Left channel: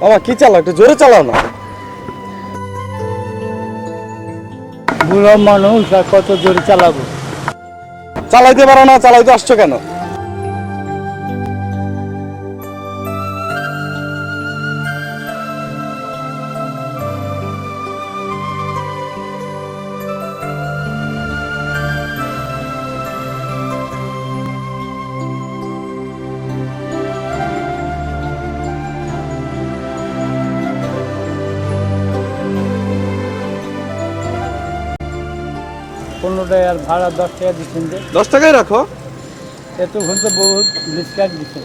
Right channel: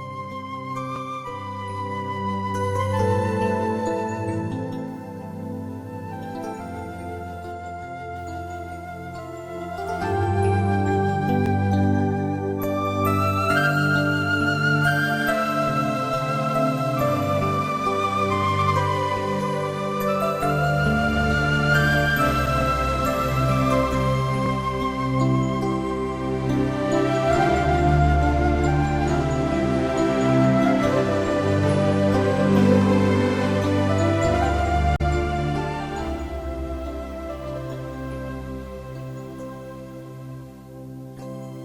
বাবা কি চালাও, একটু জোরে চালাও না। বুড়ো মানুষ আর কত জোরে চালাবো? চালাইতে পারো না, চালাইতে আসছো কেন? কোনোটাই আর ভাড়া 10 টাকা দিচ্ছেন যে 10 টাকাই রাখো। এতক্ষণ তো বহুত ডিসকাউন্ট দিচ্ছে।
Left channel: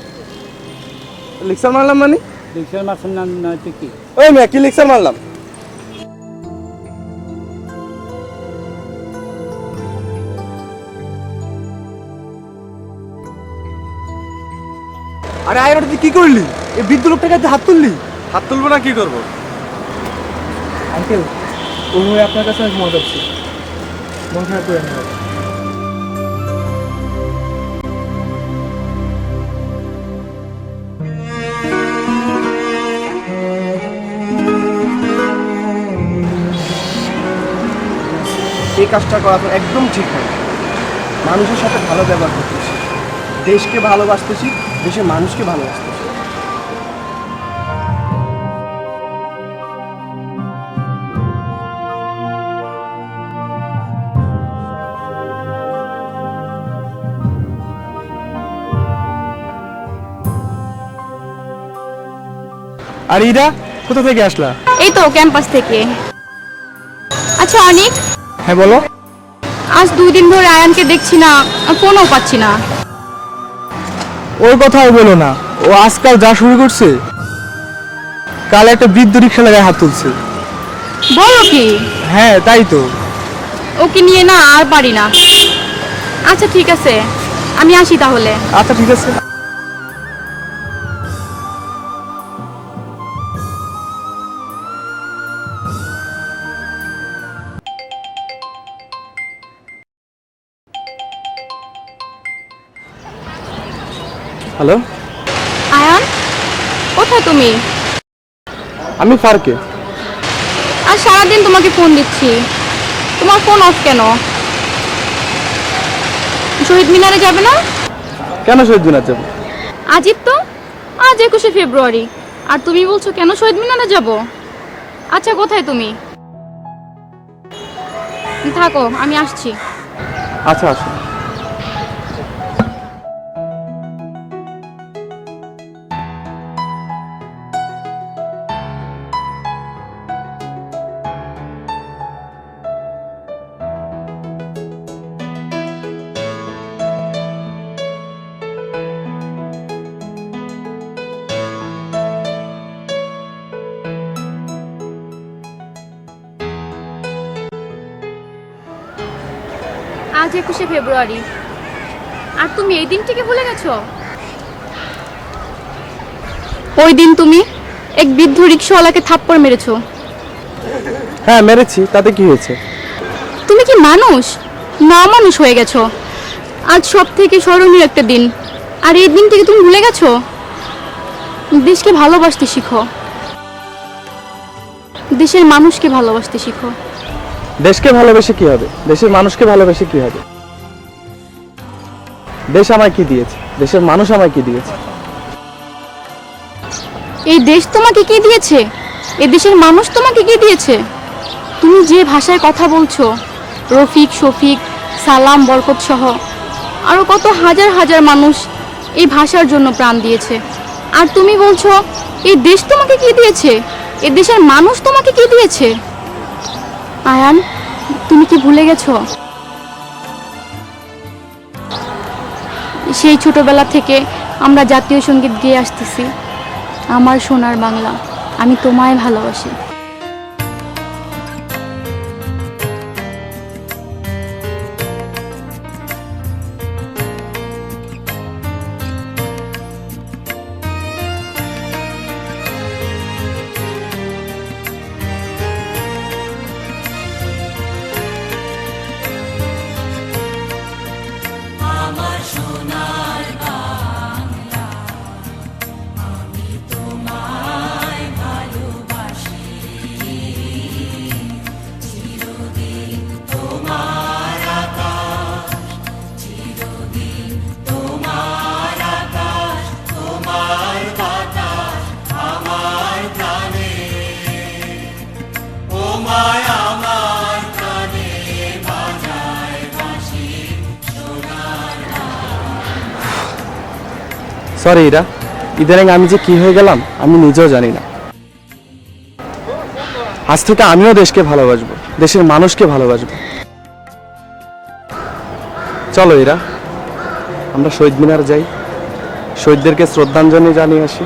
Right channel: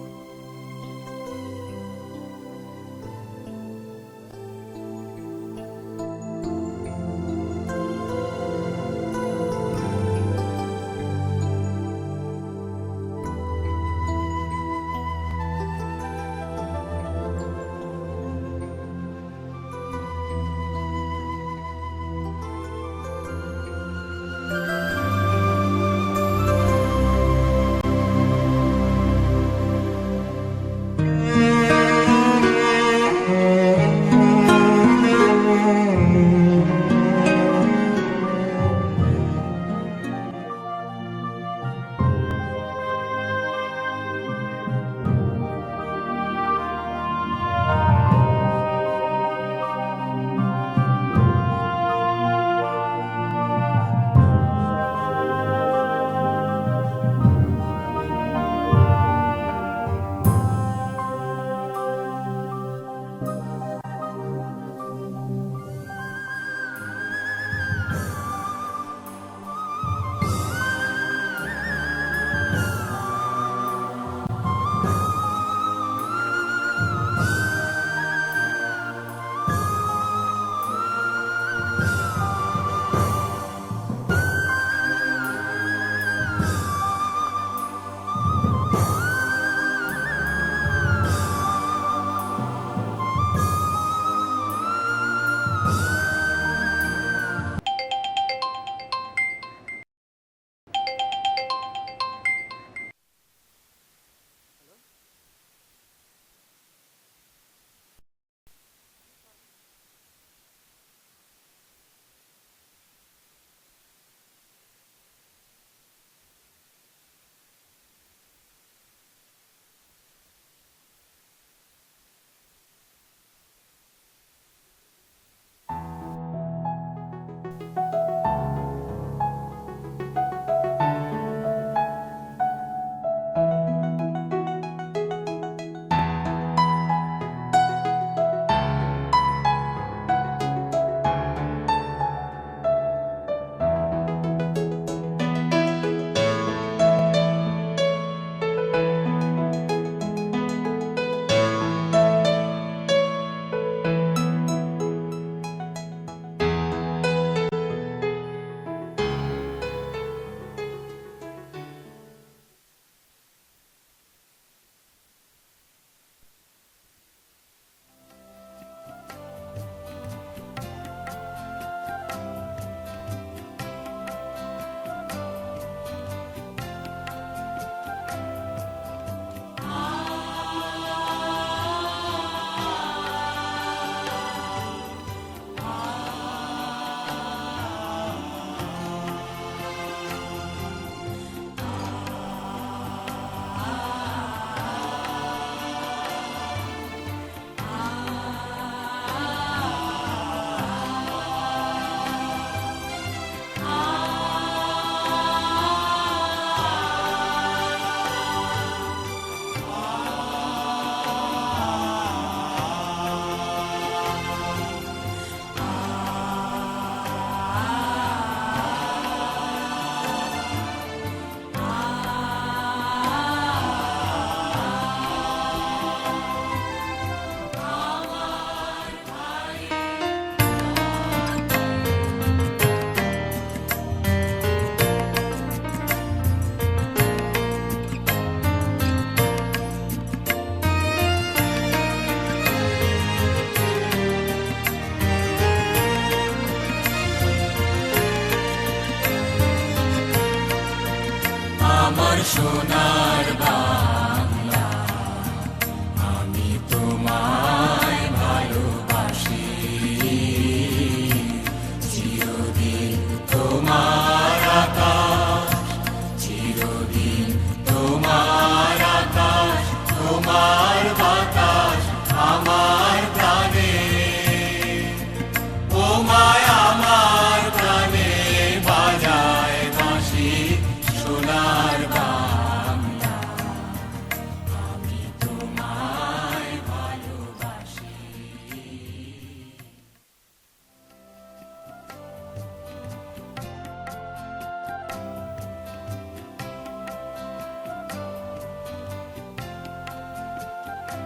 লিক্সার মারলাম মানে? রিক্সার মাসের নাম নয়তো কি? ওই মেয়ে কি লিক্সার মারলাম? আরে আয়, তুই কি করলি? এই বৃদ্ধ লোকটাকে হাত তুললি? হাত তুলবো না, কি করবো? আঙ্কেল, ওই আপনার কাছে অনেক মজা হচ্ছে। মন খারাপ করে না। এই কাজটা করা তো একদম ঠিক হয়। মানুষের সাথে ভালো ব্যবহার করতেছি, দেশকে ভালোবাসতেছি, দেশের মানুষকে ভালোবাসতেছি। আর ইরা কোথা থেকে আসলা? এই তো ক্যাম্পাস থেকে। আচ্ছা অনিক, হ্যাঁ বলো। আজ 2 দিন ধরে আয়ানকে দেখছি না, আর ফোনও পাচ্ছি না। ওর কথাও বলো না, ও আজকাল যা শুরু করছে। কাল একটা বৃদ্ধ রিক্সা লাগায় হাত তুলছে। বলো কি? হ্যাঁ তাই তো। ওকে নিয়ে না আর পারি না। আচ্ছা ঠিক আছে, আমি আসি তাহলে। আচ্ছা ঠিক আছে। হ্যালো, আয়ান, কোথায় তুমি? আমি ফারকে। আজ সারাদিন তোমাকে ফোন দিচ্ছি, তোমার ফোন অফ কেন? শহীদ মিনারে যাবে না? কেন শহীদ মিনার যাবো? আজই তো, আজ 21শে ফেব্রুয়ারি, আর তুমি বলছো কেন শহীদ মিনারে যাব? আচ্ছা কোথায় তুমি? থাকো, আমি আসছি। আচ্ছা আসো। আজ 21শে ফেব্রুয়ারি, আর তুমি এই দিনটিকে ভুলে গেছো? ওই দিন তুমি এক বৃদ্ধ রিক্সাওয়ালাকে থাপ্পড় মেরেছো। হ্যাঁ মেরেছি, তাতে কি হয়েছে? তুমি কি মানুষ না মানুষ হয়ে গেছো? আজ সব থেকে স্মরণীয় একটা দিন, আর এই দিনটিকে তুমি ভুলে গেছো। দেশকে ভালোবাসতে শিখো, দেশের মানুষকে ভালোবাসতে শিখো। দেশকে ভালোবেসে কি হবে? দেশের মানুষকে ভালোবেসে কি হবে? দেশ আমায় কি দিয়েছে? দেশের মানুষ আমায় কি দিয়েছে? এই দেশ তোমাকে কি দিয়েছে? এই দেশের মানুষ তোমাকে কি দিয়েছে? তুমি যে ভাষায় কথা বলছো, রফিক, শফিক, সালাম, বরকত সহ আরো কত হাজার হাজার মানুষ এই ভাষার জন্য প্রাণ দিয়েছে, আর তুমি বলছো এই দেশ তোমাকে কি দিয়েছে? এই দেশের মানুষ তোমাকে কি দিয়েছে? আয়ান, তুমি কি ভুলে গেছো? সেই ছোটবেলা থেকে আমরা জাতীয় সঙ্গীত গেয়ে আসতেছি, আমার সোনার বাংলা, আমি তোমায় ভালোবাসি। সরি ইরা, ইদানিং আমি যে কি হয়ে গেলাম আমি নিজেও জানি না। আজ থেকে আমিও দেশকে ভালোবাসবো, দেশের মানুষকে ভালোবাসবো। চলো ইরা, আমরা শহীদ মিনার যাই, শহীদদেরকে শ্রদ্ধাঞ্জলি জানিয়ে আসি।